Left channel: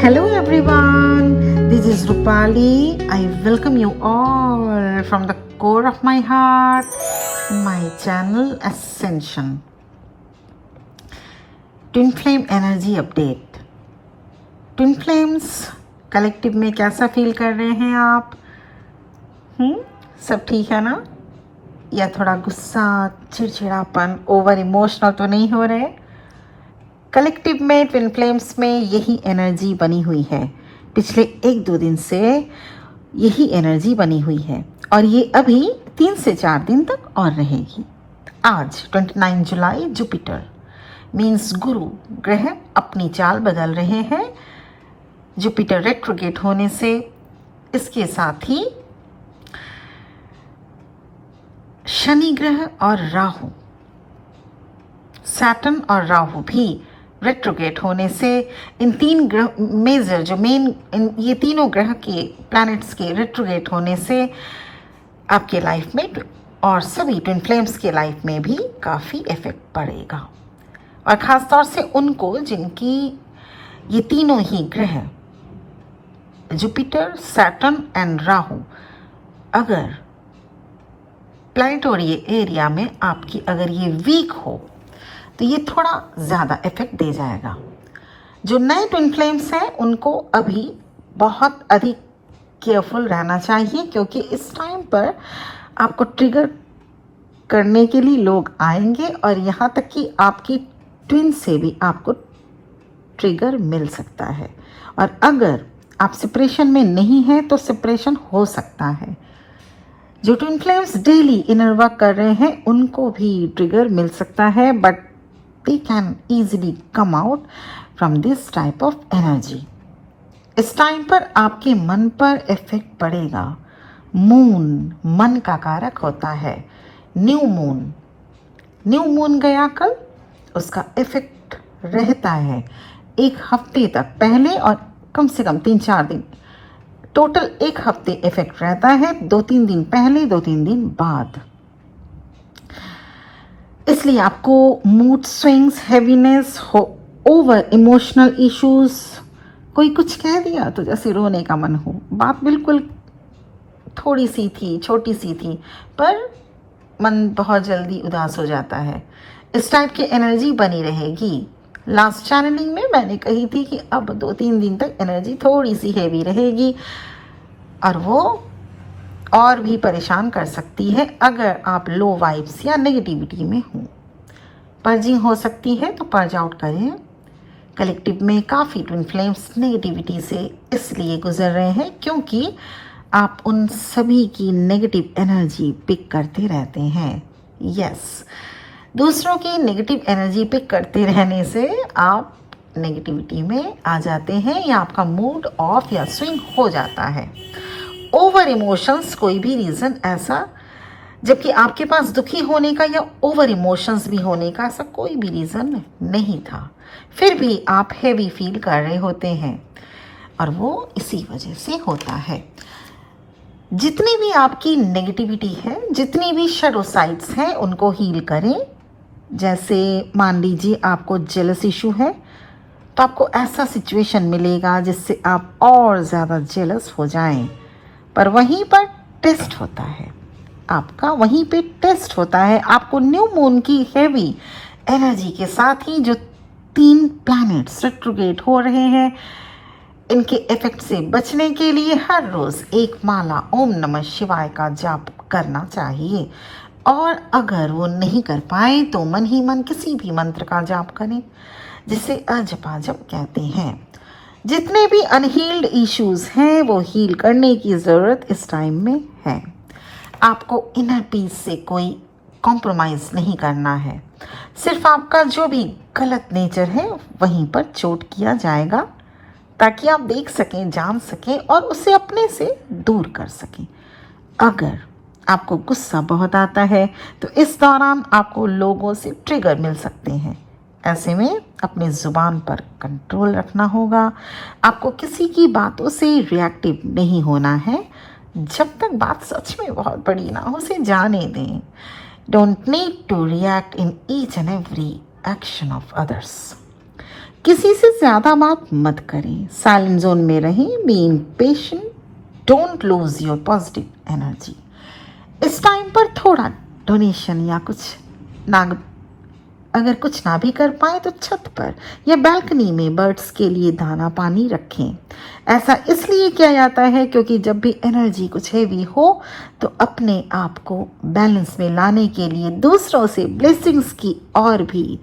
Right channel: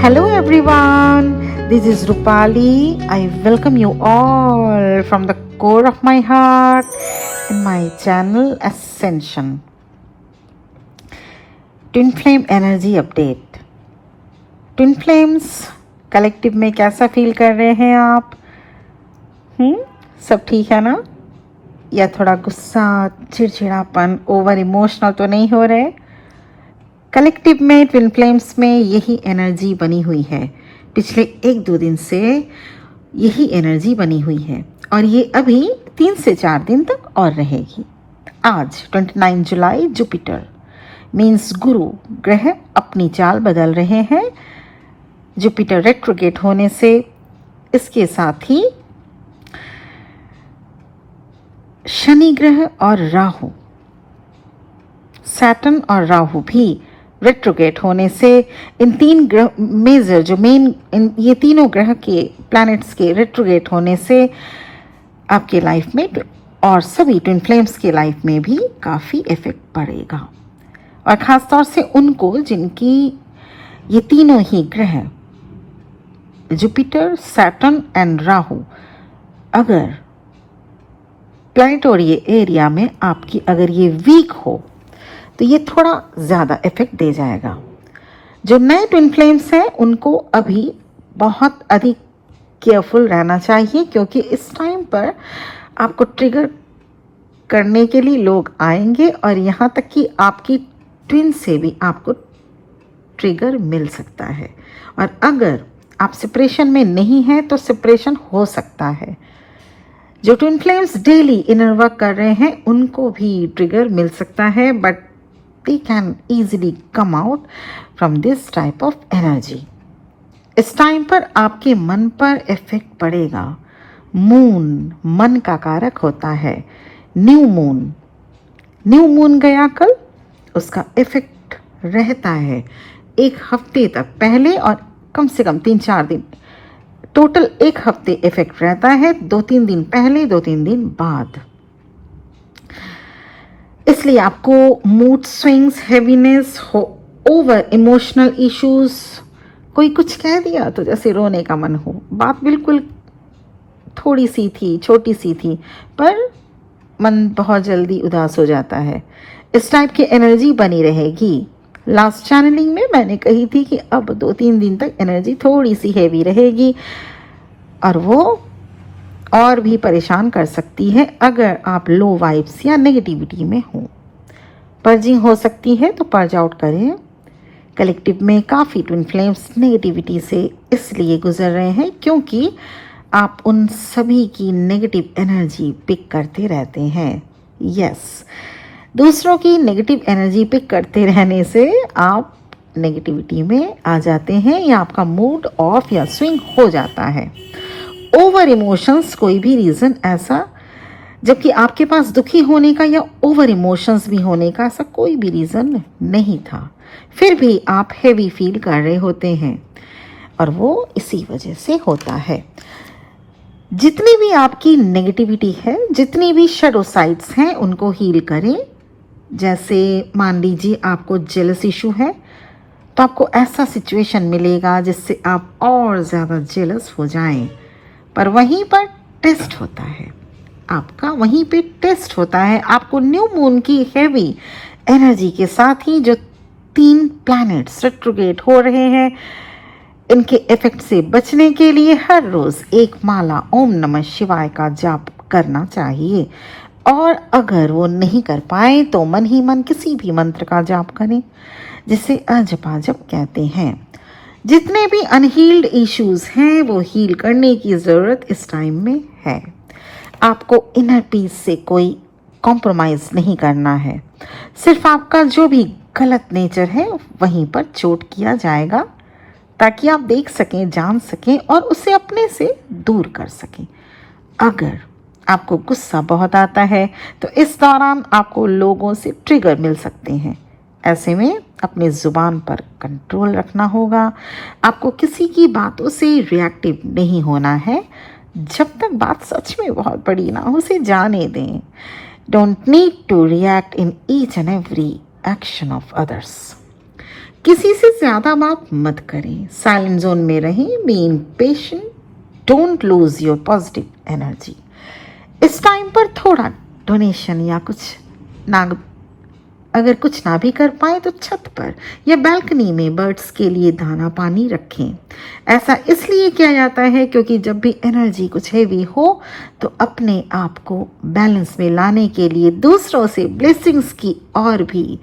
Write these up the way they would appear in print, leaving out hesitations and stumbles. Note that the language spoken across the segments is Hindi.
Hello everyone, this is Rupali. I welcome you all from the core of my heart in my channel Ascension. Twin Flame Energy Update. Twin Flames collective में कैसा फील कर रहे हैं आप? सब ठीक है ना? या थोड़ा गुस्सा, चिड़चिड़ापन, ओवर इमोशनल तो नहीं हो रहे? कलेक्टिव में ट्विन फ्लेम्स में यही एनर्जी बनी हुई है। पिछले 1-2 दिन से यही एनर्जी बनी हुई है और ये अभी 3 से 4 दिन तक और रहेगी। आज 29 जुलाई जुपिटर मीन्स गुरु ग्रह अपनी चाल बदल रहे हैं। जुपिटर रेट्रोगेट होने से इसके साथ ही शनि ग्रह और राहु, सैटर्न और राहु भी रेट्रोगेट होने से इन 3 ग्रह मेजर जो मेन ये तीनों ग्रह के प्लैनेट्स के रेट्रोगेट होने से आपके लाइफ में और सभी ट्विन फ्लेम्स के लाइफ में भी काफ़ी इफेक्ट पड़ेगा। और ख़ासतौर से उनको जिनकी ये तीनों ही ग्रह जुपिटर, सैटर्न एंड राहु अगर प्लैनेटोरियल एरिया में आपकी अगर ये वीक हो तो ये थोड़ा ज़्यादा इफेक्ट दे जाएगा। जो नए ट्विन फ्लेम्स हैं उनको अभी बहुत अधिक केयरफुल रहना चाहिए क्योंकि इस टाइम पर आपको ट्रिगर करने के लिए लोग आएंगे और यहाँ तक कि आपकी ट्विन से भी आपको ट्रिगर मिल सकता है। और अगर आप सेपरेशन में नहीं हैं तो सेपरेशन हो सकता है। जो twin flames daily inner work कर रहे हैं उनको भी ट्रिगर मिल सकता है, but they can easily come out from this type of energy. इस टाइम पर आपके मन पर इफेक्ट पड़ेगा। मून मन का कारक होता है। न्यू मून गया कल, उसका इफेक्ट रहता है 1 हफ्ते तक पहले और कम से कम 3-4 दिन, टोटल 1 हफ्ते इफेक्ट रहता है। 2-3 दिन पहले, 2-3 दिन बाद। इसलिए आपको mood swings, heaviness, over emotional issues, कोई कुछ कह दिया तो जैसे रोने का मन हो। बात बिल्कुल थोड़ी सी थी, छोटी सी थी, पर मन बहुत जल्दी उदास हो जाता है। इस टाइप की एनर्जी बनी रहेगी। लास्ट चैनलिंग में मैंने कही थी कि अब 2-3 दिन तक एनर्जी थोड़ी सी हैवी रहेगी और वो और भी परेशान कर सकती है अगर आप लो वाइब्स या नेगेटिविटी में हो। पर्जिंग हो सकती है तो पर्ज आउट करें। कलेक्टिव में काफ़ी ट्विन फ्लेम्स नेगेटिविटी से इसलिए गुजर रहे हैं क्योंकि आप उन सभी की नेगेटिव एनर्जी पिक करते रहते हैं। यस, दूसरों की नेगेटिव एनर्जी पिक करते रहने से आप नेगेटिविटी में आ जाते हैं या आपका मूड ऑफ या स्विंग हो जाता है। ओवर इमोशंस कोई भी रीजन ऐसा, जबकि आपके पास दुखी होने का या ओवर इमोशंस भी होने का ऐसा कोई भी रीजन नहीं था, फिर भी आप हेवी फील कर रहे होते हैं और वो इसी वजह से होता है। जितनी भी आपकी नेगेटिविटी है, जितनी भी शैडो साइड्स हैं, उनको हील करें। जैसे मान लीजिए आपको जेलस इशू है तो आपको ऐसा सिचुएशन मिलेगा जिससे आप और ज़्यादा जेलस हो जाएं, पर वहीं पर टेस्ट होता है आपका, वहीं पे टेस्ट होता है आपको न्यू मून की हेवी एनर्जी के साथ ही जो 3 प्लैनेट्स रेट्रोगेट हो रहे हैं, इनके इफेक्ट से बचने के लिए हर रोज 1 माला ओम नमः शिवाय का जाप करना चाहिए। और अगर वो नहीं कर पाए तो मन ही मन किसी भी मंत्र का जाप करें जिसे अजपाजप कहते हैं। जितने भी अनहील्ड इश्यूज हैं वो हील करने की ज़रूरत इस टाइम में है। आपको इनर पीस से कोई कॉम्प्रोमाइज़ नहीं करना है। सिर्फ आपका जो भी गलत नेचर है वहीं पर चोट किया जाएगा ताकि आप देख सकें, जान सकें और उसे अपने से दूर कर सकें। अगर आपको गुस्सा बहुत आता है तो इस दौरान आपको लोगों से ट्रिगर मिल सकते हैं। ऐसे में अपनी जुबान पर कंट्रोल रखना होगा। आपको किसी की बातों से रिएक्टिव नहीं होना है। जब तक बात सच में बहुत बड़ी ना हो उसे जाने दें। Don't need to react in each and every action of others. किसी से ज्यादा बात मत करें, साइलेंट जोन में रहें, be patient, don't lose your positive energy. इस टाइम पर थोड़ा डोनेशन या कुछ ना, अगर कुछ ना भी कर पाए तो छत पर या बालकनी में बर्ड्स के लिए दाना पानी रखें। ऐसा इसलिए किया जाता है क्योंकि जब भी एनर्जी कुछ हेवी हो तो अपने आप को बैलेंस में लाने के लिए दूसरों से ब्लेसिंग्स की और भी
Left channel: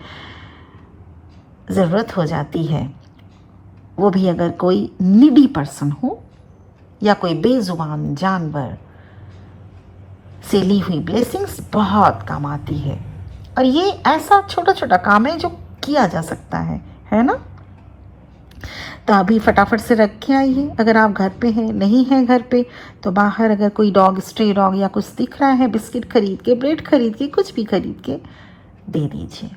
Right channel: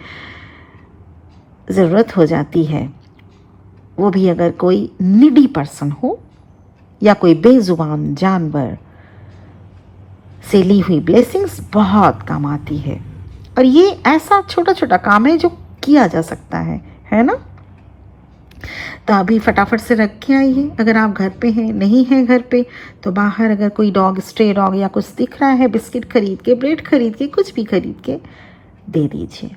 जरूरत हो जाती है, वो भी अगर कोई नीडी पर्सन हो या कोई बेजुबान जानवर से ली हुई ब्लेसिंग्स बहुत काम आती है। और ये ऐसा छोटा छोटा काम है जो किया जा सकता है ना। तो अभी फटाफट से रख के आइए। अगर आप घर पे हैं, नहीं है घर पे, तो बाहर अगर कोई डॉग, स्ट्रे डॉग या कुछ दिख रहा है, बिस्किट खरीद के, ब्रेड खरीद के, कुछ भी खरीद के दे दीजिए।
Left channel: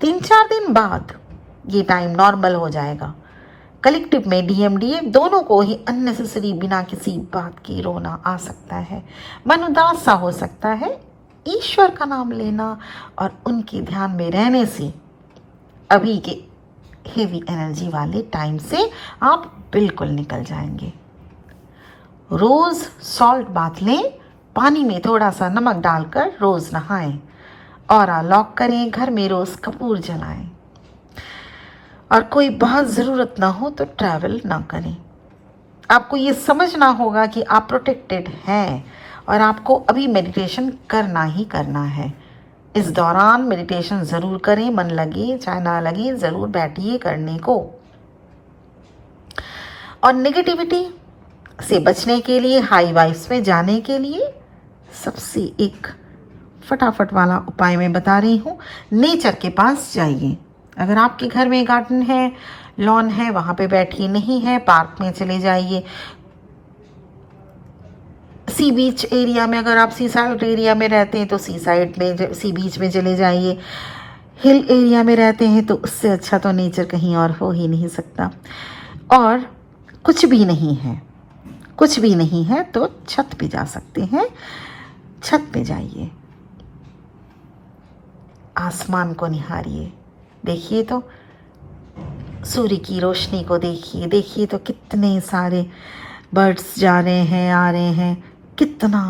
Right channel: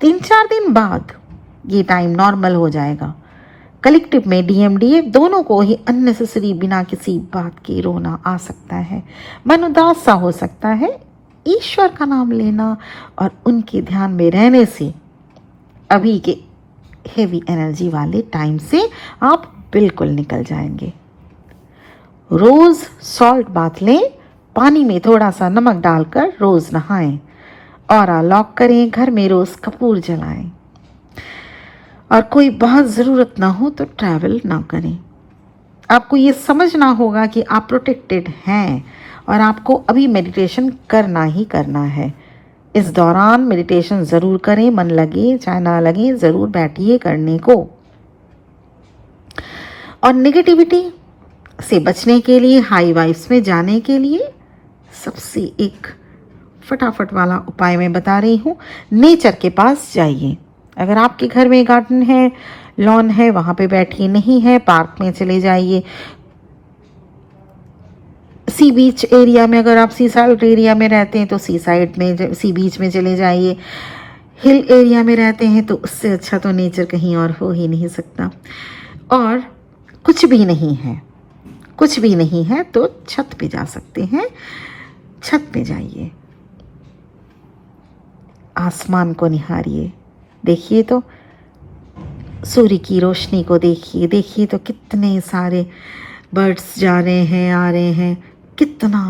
3-4 दिन बाद ये टाइम नॉर्मल हो जाएगा। कलेक्टिव में डीएमडीएफ दोनों को ही अननेसेसरी बिना किसी बात के रोना आ सकता है, मन उदास सा हो सकता है। ईश्वर का नाम लेना और उनके ध्यान में रहने से अभी के हेवी एनर्जी वाले टाइम से आप बिल्कुल निकल जाएंगे। रोज सॉल्ट बाथ लें, पानी में थोड़ा सा नमक डालकर रोज नहाएं, और लॉक करें, घर में रोज कपूर जलाएं, और कोई बहुत जरूरत ना हो तो ट्रैवल ना करें। आपको ये समझना होगा कि आप प्रोटेक्टेड हैं और आपको अभी मेडिटेशन करना ही करना है। इस दौरान मेडिटेशन जरूर करें, मन लगे चाहे ना लगे, जरूर बैठिए करने को। और नेगेटिविटी से बचने के लिए, हाई वाइब्स में जाने के लिए सबसे एक फटाफट वाला उपाय मैं बता रही हूँ। नेचर के पास जाइए। अगर आपके घर में गार्डन है, लॉन है, वहां पे बैठिए, नहीं है पार्क में चले जाइए। सी बीच एरिया में, अगर आप सी साइड एरिया में रहते हैं तो सी साइड में, सी बीच में चले जाइए। हिल एरिया में रहते हैं तो उससे अच्छा तो नेचर कहीं और हो ही नहीं सकता। और कुछ भी नहीं है, कुछ भी नहीं है तो छत पे जा सकते हैं। छत पे जाइए, आसमान को निहारिए, देखिए तो सूर्य की रोशनी को देखिए, देखिए तो कितने सारे बर्ड्स जा रहे हैं, आ रहे हैं, कितना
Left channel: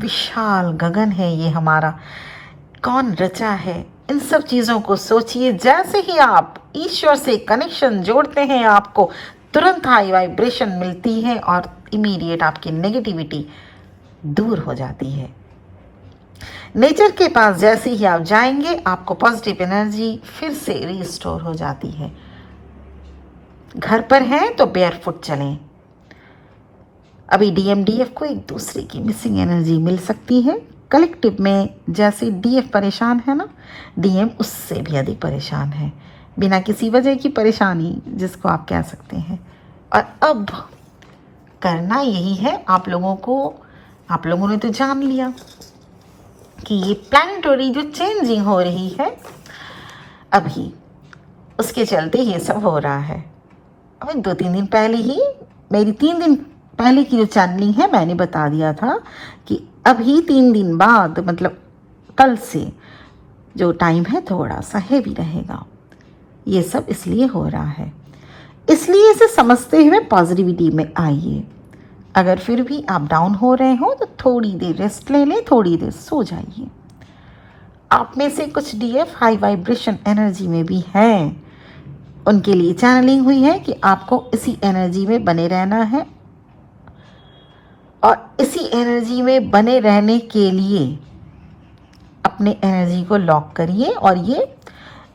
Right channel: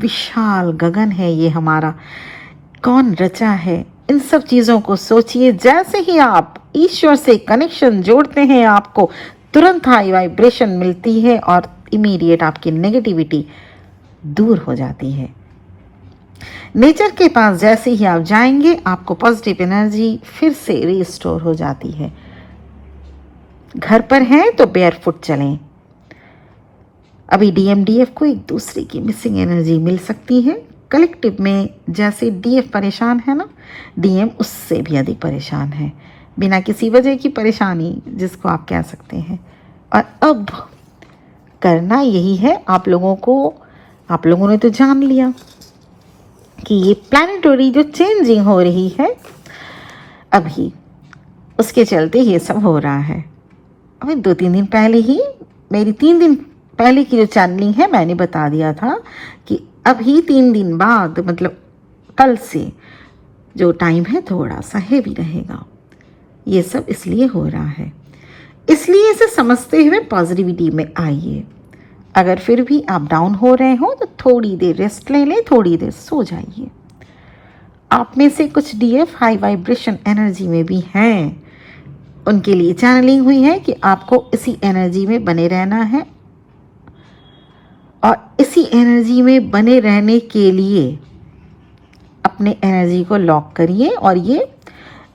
विशाल गगन है ये हमारा, कौन रचा है। इन सब चीजों को सोचिए। जैसे ही आप ईश्वर से कनेक्शन जोड़ते हैं, आपको तुरंत हाई वाइब्रेशन मिलती है और इमीडिएट आपकी नेगेटिविटी दूर हो जाती है। नेचर के पास जैसे ही आप जाएंगे, आपको पॉजिटिव एनर्जी फिर से रिस्टोर हो जाती है। घर पर हैं तो बेयरफुट चलें। अभी डीएमडीएफ को एक दूसरे की मिसिंग एनर्जी मिल सकती है। कलेक्टिव में जैसे डीएफ परेशान है ना, डीएम उससे भी अधिक परेशान है, बिना किसी वजह की परेशानी जिसको आप कह सकते हैं। और अब करना यही है आप लोगों ने तो जान लिया कि ये प्लैनेटरी जो चेंजिंग हो रही है अभी, उसके चलते ये सब हो रहा है। अभी 2-3 दिन पहले ही, मेरी 3 दिन पहले की जो चैनलिंग है, मैंने बता दिया था कि अभी 3 दिन बाद, मतलब कल से जो टाइम है थोड़ा सा हेवी रहेगा। ये सब इसलिए हो रहा है, इसलिए इसे समझते हुए पॉजिटिविटी में आइए। अगर फिर भी आप डाउन हो रहे हो तो थोड़ी देर रेस्ट ले लें, थोड़ी देर सो जाइए। आप में से कुछ डीएफ हाई वाइब्रेशन एनर्जी में भी हैं, उनके लिए चैनलिंग हुई है कि आपको इसी एनर्जी में बने रहना है। और इसी एनर्जी में बने रहने के लिए अपने एनर्जी को लॉक करिए। और ये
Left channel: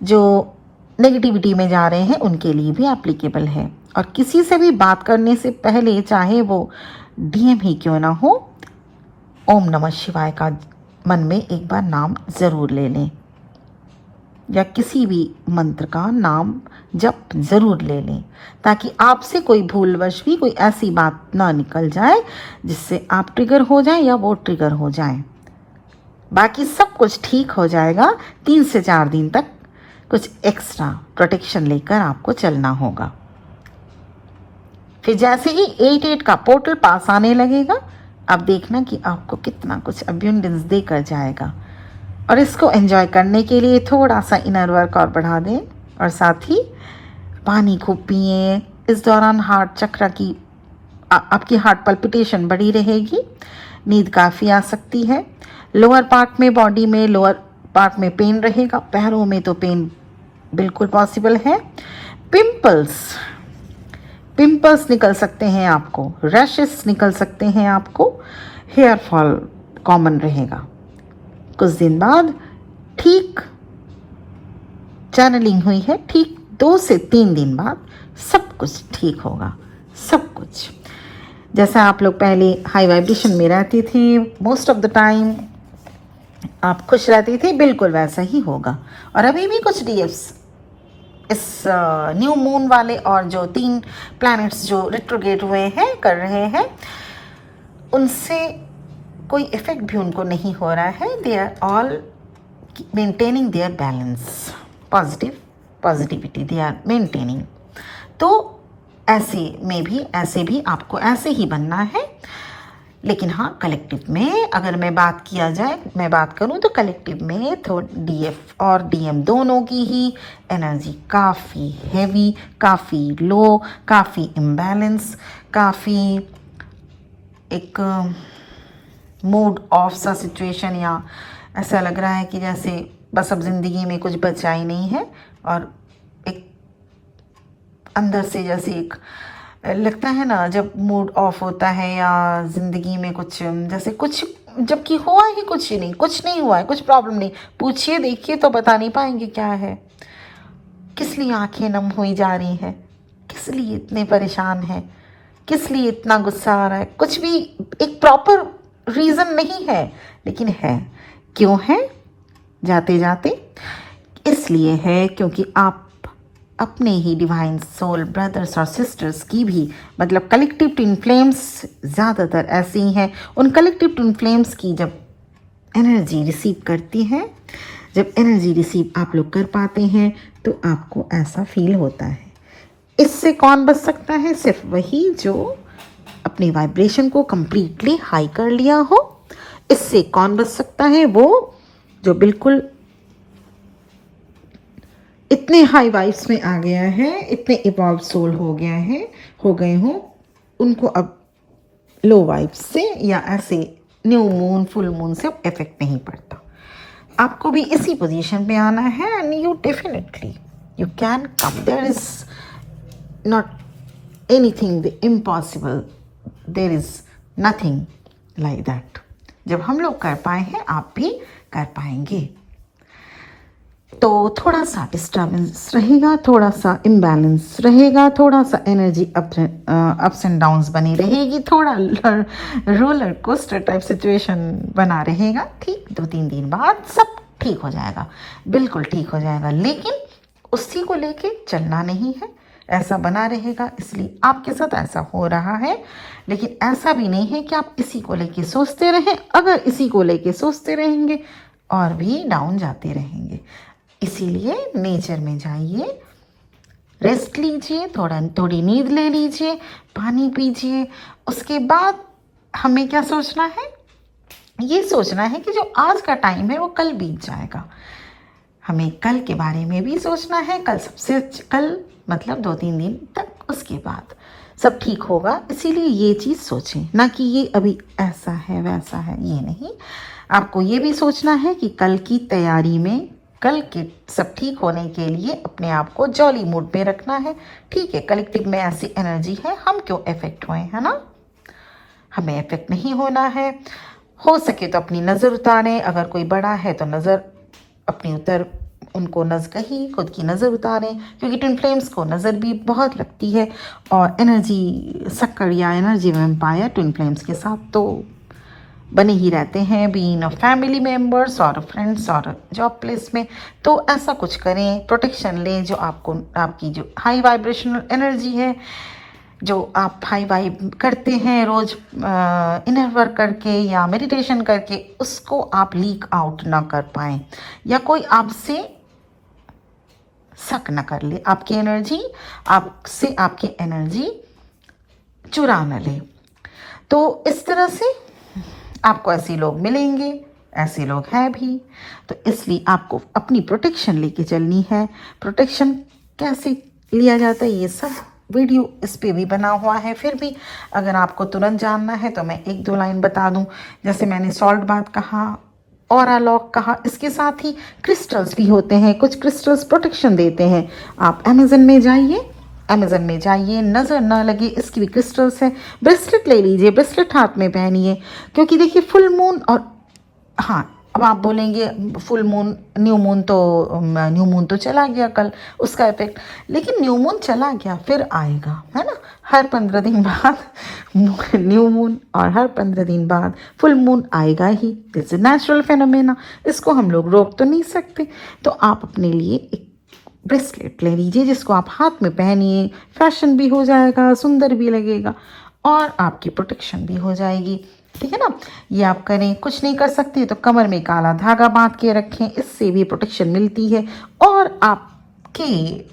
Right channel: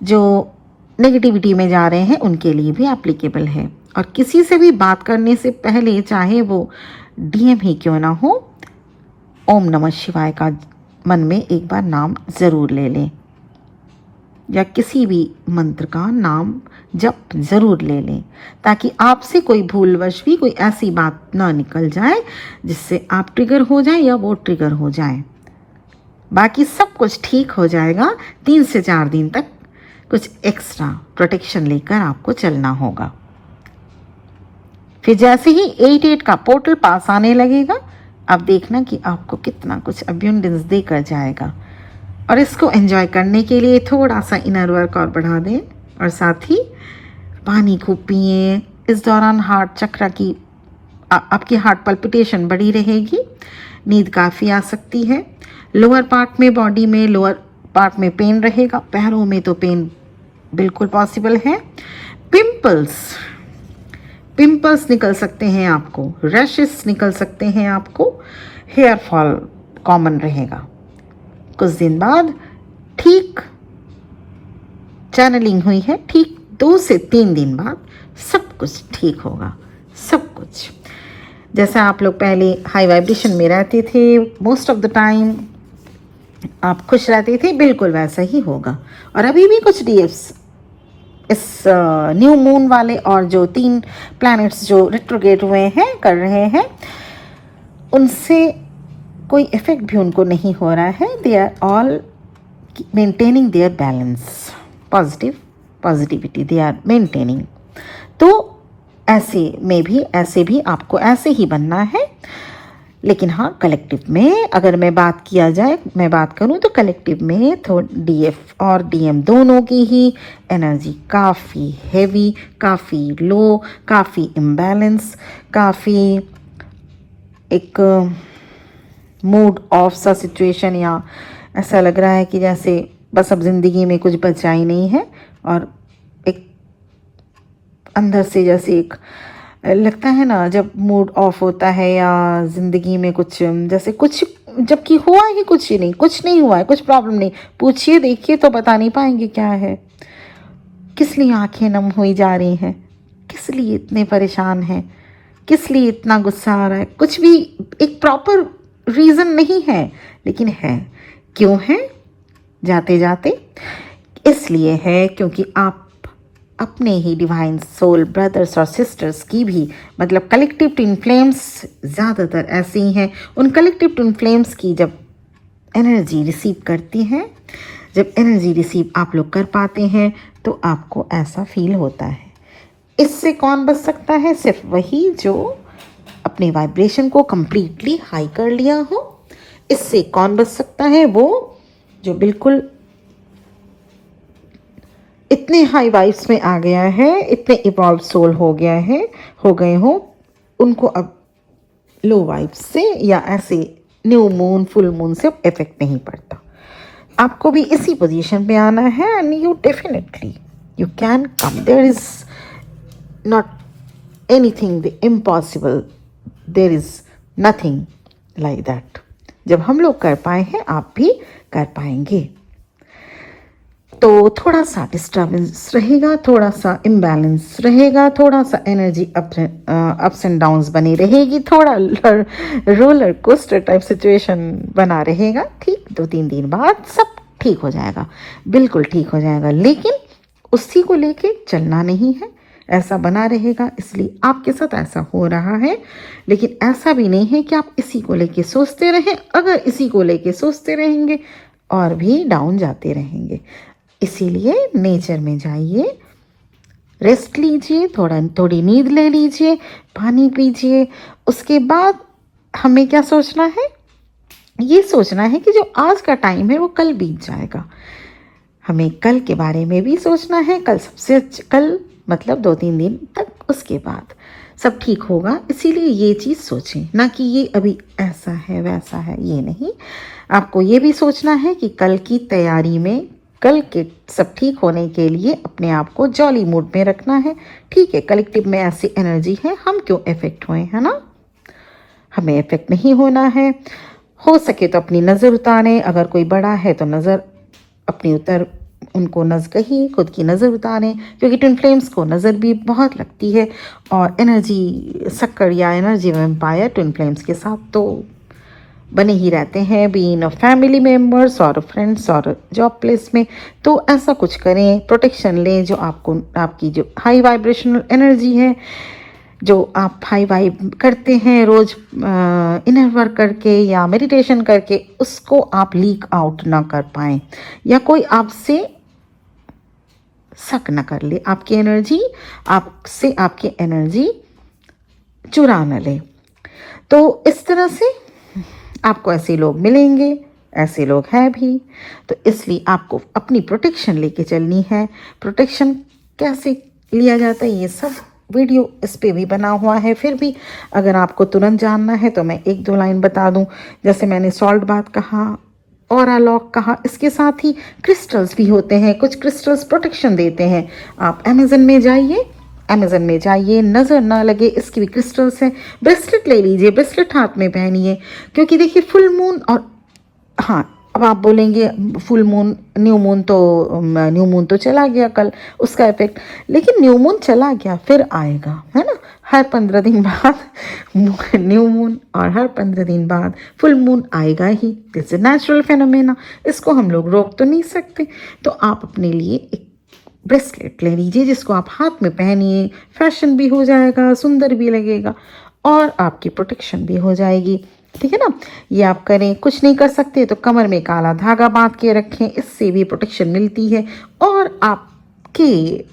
जो नेगेटिविटी में जा रहे हैं उनके लिए भी एप्लीकेबल है। और किसी से भी बात करने से पहले, चाहे वो डीएम ही क्यों ना हो, ओम नमः शिवाय का मन में एक बार नाम जरूर ले लें, या किसी भी मंत्र का नाम जप जरूर ले लें, ताकि आपसे कोई भूलवश भी कोई ऐसी बात ना निकल जाए जिससे आप ट्रिगर हो जाए या वो ट्रिगर हो जाए। बाकी सब कुछ ठीक हो जाएगा। 3 से 4 दिन तक कुछ एक्स्ट्रा प्रोटेक्शन लेकर आपको चलना होगा। फिर जैसे ही 8-8 का पोर्टल पास आने लगेगा, अब देखना कि आपको कितना कुछ अब्यूंडेंस देकर जाएगा। और इसको एंजॉय करने के लिए थोड़ा सा इनर वर्क और बढ़ा दें, और साथ ही पानी खूब पिए। इस दौरान हार्ट चक्र की आपकी हार्ट पल्पिटेशन बढ़ी रहेगी, नींद काफ़ी आ सकती है। लोअर पार्ट में, बॉडी में लोअर पार्ट में पेन रहेगा, पैरों में तो पेन बिल्कुल पॉसिबल है। पिंपल्स पिंपल्स निकल सकते हैं आपको, रैशेस निकल सकते हैं आपको, हेयर फॉल कॉमन रहेगा। कुछ दिन बाद ठीक चैनलिंग हुई है, ठीक 2 से 3 दिन बाद सब कुछ ठीक होगा, सब कुछ। जैसे आप लोग पहले हाई वाइब्रेशन में रहते थे, मोस्ट ऑफ द टाइम आप खुश रहते थे, बिल्कुल वैसा ही होगा। और अभी भी कुछ डीएफ्स इस न्यू मून वाले और जो 3 प्लैनेट्स जो रिट्रोगेट हुए हैं, कर रहे हैं, उनसे कोई इफेक्ट भी उनको नहीं हो रहा है। They are all maintaining their balance, positivity they are maintaining. तो ऐसे भी आपको ऐसे ही बनना है। लेकिन हाँ, कलेक्टिव में अगर मैं बात करूं तो कलेक्टिव में तो डीएफ और डीएम दोनों की ही एनर्जी काफ़ी हैवी, काफ़ी लो, काफ़ी इम्बैलेंस, काफ़ी एक मूड ऑफ सा सिचुएशन, या ऐसा लग रहा है कि जैसे बस अब जिंदगी में कुछ बचा ही नहीं है। और एक अंदर से जैसे एक लगता है ना, जब मूड ऑफ होता है या जिंदगी में कुछ जैसे कुछ, जबकि हुआ ही कुछ ही नहीं, कुछ नहीं हुआ है, कुछ प्रॉब्लम नहीं, पूछिए देखिए तो बता नहीं पाएंगे क्या है। किस लिए आंखें नम हुई जा रही हैं, किस लिए इतने परेशान हैं, किस लिए इतना गुस्सा आ रहा है, कुछ भी एक प्रॉपर रीजन नहीं है, लेकिन है। क्यों है? जाते जाते इसलिए है क्योंकि आप अपने ही डिवाइन सोल ब्रदर्स और सिस्टर्स की भी, मतलब कलेक्टिव ट्विन फ्लेम्स ज़्यादातर ऐसे ही हैं, उन कलेक्टिव ट्विन फ्लेम्स की जब एनर्जी रिसीव करती हैं, जब एनर्जी रिसीव आप लोग कर पाते हैं, तो आपको ऐसा फील होता है। इससे कौन बच सकता है? सिर्फ वही जो अपने वाइब्रेशन को कंप्लीटली हाई कर लिया हो। इससे कौन बच सकता है? वो जो बिल्कुल इतने हाई वाइब्स में आ गया है, इतने इवॉल्व सोल हो गए हो, उनको अब लो वाइब्स से या ऐसे न्यू मून, फुल मून से इफेक्ट नहीं पड़ता। आपको भी इसी पोजीशन पे आना है, and you definitely you can. There is not anything impossible, there is nothing like that. जब हम लोग कर पाए हैं, आप भी कर पाएंगे। तो थोड़ा सा डिस्टर्बेंस रहेगा, थोड़ा सा इम्बैलेंस रहेगा, थोड़ा सा एनर्जी अप्स एंड डाउन्स बनी रहेगी, थोड़ा रोलर कोस्टर टाइप सिचुएशन बना रहेगा। ठीक 2-3 दिन बाद सब ठीक हो जाएगा, बिल्कुल ठीक हो जाएगा। लेकिन उसी को लेके चलना नहीं है, ऐसा बना रहेगा, इसलिए आपके साथ ऐसा हो रहा है। लेकिन ऐसा भी नहीं है कि आप इसी को लेके सोचते रहें। अगर इसी को लेके सोचते रहेंगे और भी डाउन जाते रहेंगे। इसीलिए नेचर में जाइए, रेस्ट लीजिए, थोड़ी नींद ले लीजिए, पानी पीजिए। उसके बाद हमें क्या सोचना है? ये सोचना है कि जो आज का टाइम है वो कल बीत जाएगा। हमें कल के बारे में भी सोचना है। कल मतलब 2-3 दिन तक, उसके बाद सब ठीक होगा। इसीलिए ये चीज़ सोचें, ना कि ये अभी ऐसा है वैसा है, ये नहीं। आपको ये भी सोचना है कि कल की तैयारी में, कल के सब ठीक होने के लिए अपने आप को जॉली मूड में रखना है। ठीक है, कलेक्टिव में ऐसी एनर्जी है, हम क्यों इफेक्ट हुए, है ना? हमें इफेक्ट नहीं होना है। हो सके तो अपनी नज़र उतारें, अगर कोई बड़ा है तो नज़र अपनी उनको नज़र ही खुद की नज़र उतारें, क्योंकि ट्विन फ्लेम्स को नज़र भी बहुत लगती है। और एनर्जी सक्कर या एनर्जी वैम्पायर ट्विन फ्लेम्स के साथ तो बने ही रहते हैं, बीइंग फैमिली मेम्बर्स और फ्रेंड्स और जॉब प्लेस में। तो ऐसा कुछ करें, प्रोटेक्शन लें। जो आपकी जो हाई वाइब्रेशनल एनर्जी है, जो आप हाई वाइब करते हैं रोज इनर वर्क करके या मेडिटेशन करके, उसको आप लीक आउट ना कर पाए, या कोई आपसे शक न कर ले, आपकी एनर्जी चुरा न ले। तो इस तरह से आपको ऐसे लोग मिलेंगे, ऐसे लोग हैं भी। तो इसलिए आपको अपनी प्रोटेक्शन लेके चलनी है। प्रोटेक्शन कैसे लिया जाता है, ये सब वीडियो इस पे भी बना हुआ है। फिर भी अगर आपको तुरंत जानना है तो मैं एक दो लाइन बता दूं। जैसे मैंने सॉल्ट बाथ कहा, ऑरा लॉक कहा, इसके साथ ही क्रिस्टल्स भी होते हैं। कुछ क्रिस्टल्स प्रोटेक्शन देते हैं। आप अमेजन में जाइए, नजर ना लगे इसकी भी क्रिस्टल्स है। ब्रेसलेट ले लीजिए, ब्रेसलेट हाथ में पहनिए, क्योंकि देखिए फुल मून और हाँ, अब आप बोलेंगे फुल मून, न्यू मून तो चला गया कल, उसका इफेक्ट, लेकिन न्यू मून चला गया फिर आएगा, है ना। हर 15 दिन बाद न्यू मून और हर 15 दिन बाद फुल मून आएगा ही। दिस इज नेचुरल फेनोमेना, इसको हम लोग रोक तो नहीं सकते। तो आप अपने लिए एक ब्रेसलेट ले लीजिए जिसको आप हाथ में पहनिए, फैशन भी हो जाएगा, सुंदर भी लगेगा और आपकी प्रोटेक्शन भी हो जाएगी। ठीक है ना। ये आप करें। कुछ नहीं कर सकते तो कमर में काला धागा बांध के रखें, इससे भी प्रोटेक्शन मिलती है। और आपके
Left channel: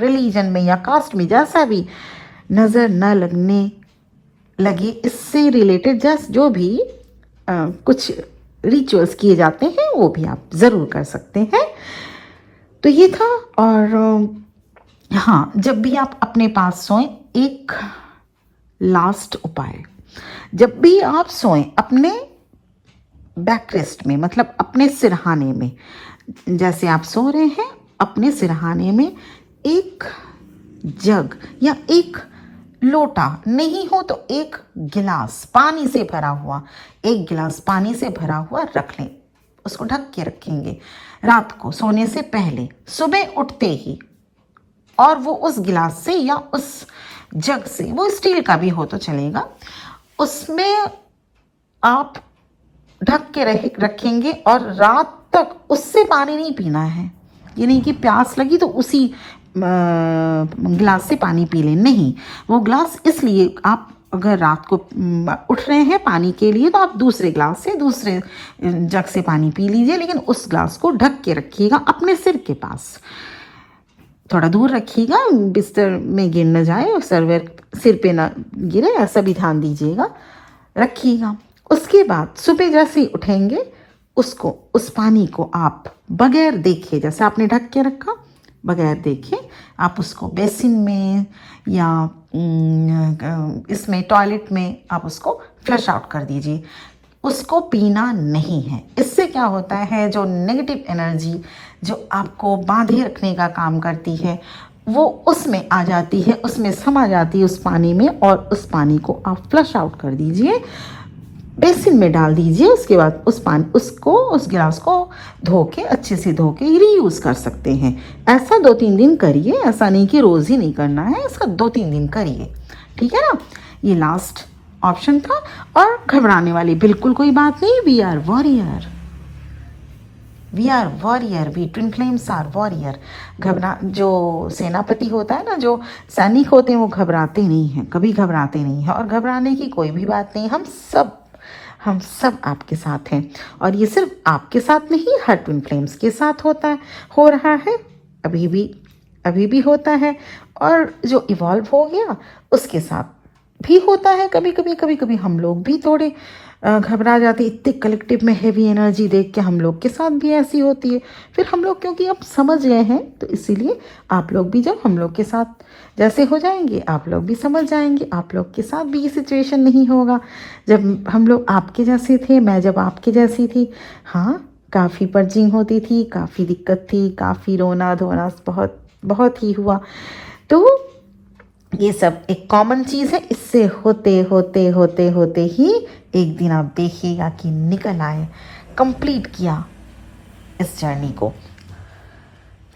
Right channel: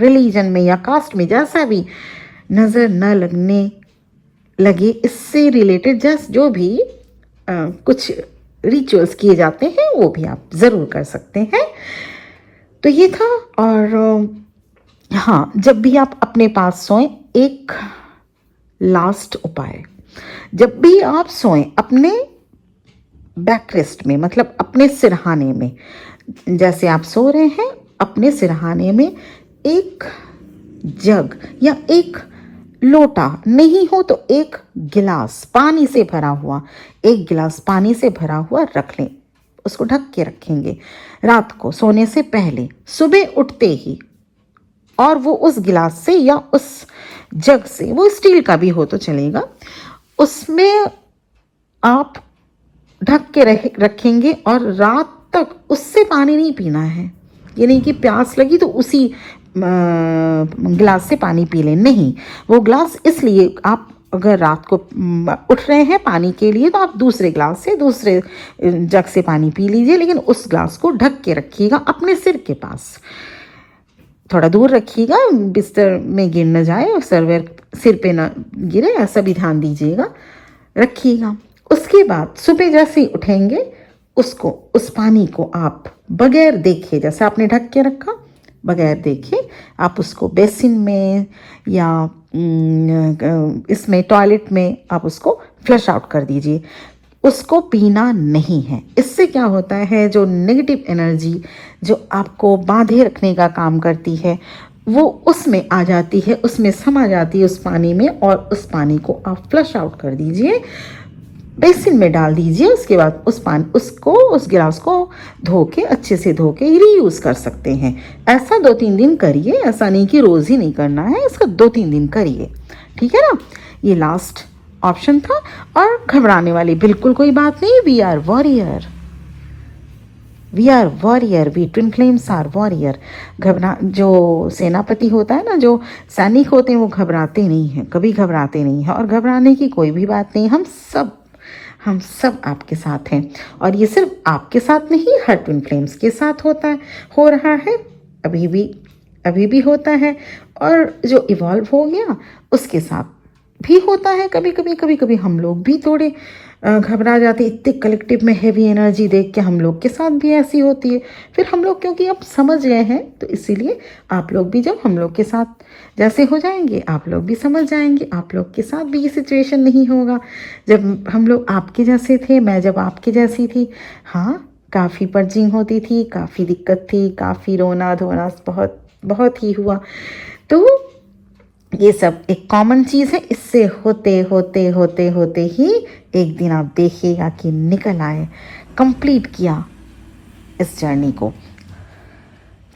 रिलीजन में या कास्ट में जैसा भी नजर न लगने लगे, इससे रिलेटेड जो भी कुछ रिचुअल्स किए जाते हैं वो भी आप जरूर कर सकते हैं। तो ये था। और हाँ, जब भी आप अपने पास सोएं, एक लास्ट उपाय, जब भी आप सोएं अपने बैकरेस्ट में, मतलब अपने सिरहाने में, जैसे आप सो रहे हैं अपने सिरहाने में एक जग या एक लोटा, नहीं हो तो एक गिलास पानी से भरा हुआ, एक गिलास पानी से भरा हुआ रख लें। उसको ढक के रखेंगे रात को सोने से पहले। सुबह उठते ही, और वो उस गिलास से या उस जग से, वो स्टील का भी हो तो चलेगा, उसमें आप ढक के रखेंगे और रात तक उससे पानी नहीं पीना है। ये नहीं कि प्यास लगी तो उसी गिलास से पानी पी लें, नहीं। वो गिलास इसलिए, आप अगर रात को उठ रहे हैं पानी के लिए तो आप दूसरे गिलास से, दूसरे जग से पानी पी लीजिए, लेकिन उस गिलास को ढक के रखिएगा अपने सिर के पास। थोड़ा दूर रखिएगा, बिस्तर में गिर न जाए, सिर पे ना गिरे, ऐसा भी ध्यान दीजिएगा, रखिएगा। उसके बाद सुबह जैसे ही उठेंगे, उस पानी को आप बगैर देखे, जैसे आपने ढक के रखा, बगैर देखे आप उसको बेसिन में या इसमें टॉयलेट में आप उसको फ्लश आउट कर दीजिए। उसको पीना नहीं है। इससे क्या होता है, जो नेगेटिव एनर्जी जो आपको बांधे रखने का काम करती है, वो उसमें आ जाती है, उसमें समा जाती है उस पानी में, और उस पानी को आप फ्लश आउट कर दीजिए, बेसिन में डाल दीजिए। उसके बाद उस गिलास को धो के, अच्छे से धो के रीयूज कर सकते हैं। ऐसा 2-3 दिन करिए, ऐसा नहीं कि रोज ही नहीं करना है, इसको 2-3 दिन करिए। ठीक है ना। ये लास्ट ऑप्शन था। और घबराने वाली बिल्कुल कोई बात नहीं। We are warrior, we twin flames are warrior. जो सेनापति होता है ना, जो सैनिक होते हैं, वो घबराते नहीं हैं, कभी घबराते नहीं हैं, और घबराने की कोई भी बात नहीं। हम सब आपके साथ हैं, और ये सिर्फ आपके साथ नहीं, हर ट्विन फ्लेम्स के साथ हो रहा है, अभी भी होता है, और जो इवॉल्व हो गया उसके साथ भी होता है। कभी हम लोग भी थोड़े घबरा जाते, इतने कलेक्टिव में हेवी एनर्जी देख के हम लोग के साथ भी ऐसी होती है। फिर हम लोग, क्योंकि अब समझ गए हैं, तो इसीलिए आप लोग भी जब हम लोग के साथ जैसे हो जाएंगे, आप लोग भी समझ जाएंगे, आप लोग के साथ भी ये सिचुएशन नहीं होगा। जब हम लोग आपके जैसे थे, मैं जब आपके जैसी थी, हाँ, काफ़ी पर्जिंग होती थी, काफ़ी दिक्कत थी, काफ़ी रोना धोना बहुत ही हुआ। तो ये सब एक कॉमन चीज़ है। इससे होते ही एक दिन आप देखिएगा कि निकल आए, कंप्लीट किया इस जर्नी को।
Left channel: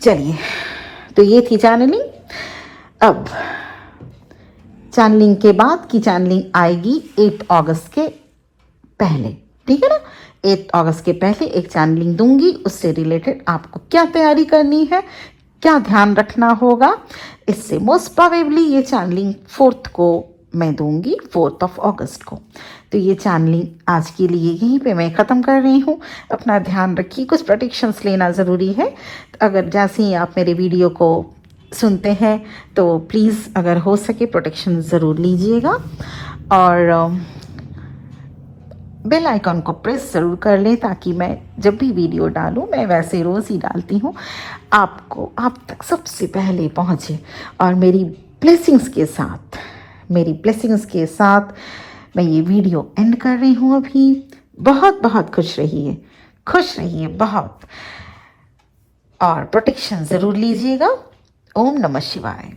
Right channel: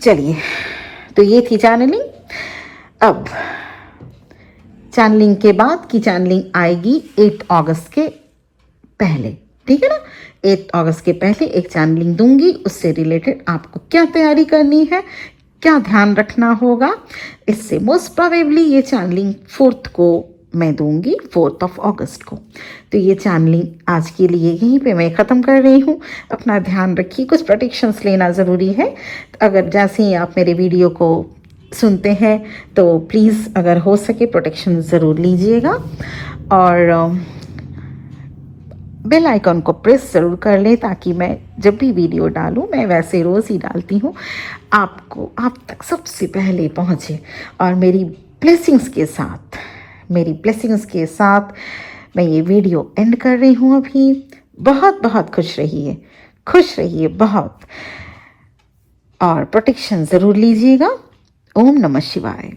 चलिए, तो ये थी चैनलिंग। अब चैनलिंग के बाद की चैनलिंग आएगी 8 अगस्त के पहले। ठीक है ना। 8 अगस्त के पहले एक चैनलिंग दूंगी, उससे रिलेटेड आपको क्या तैयारी करनी है, क्या ध्यान रखना होगा। इससे मोस्ट प्रोबेबली ये चैनलिंग 4th को मैं दूंगी, 4 अगस्त को। तो ये चैनलिंग आज के लिए यहीं पे मैं ख़त्म कर रही हूँ। अपना ध्यान रखिए, कुछ प्रोटेक्शंस लेना ज़रूरी है। अगर जैसे ही आप मेरे वीडियो को सुनते हैं तो प्लीज़, अगर हो सके, प्रोटेक्शन ज़रूर लीजिएगा। और बेल आइकन को प्रेस ज़रूर कर लें ताकि मैं जब भी वीडियो डालूं, मैं वैसे रोज़ ही डालती हूँ, आपको आप तक सबसे पहले पहुँचे। और मेरी ब्लेसिंग्स के साथ मैं ये वीडियो एंड कर रही हूँ अभी। बहुत बहुत खुश रहिए बहुत, और प्रोटेक्शन ज़रूर लीजिएगा। ओम नमः शिवाय।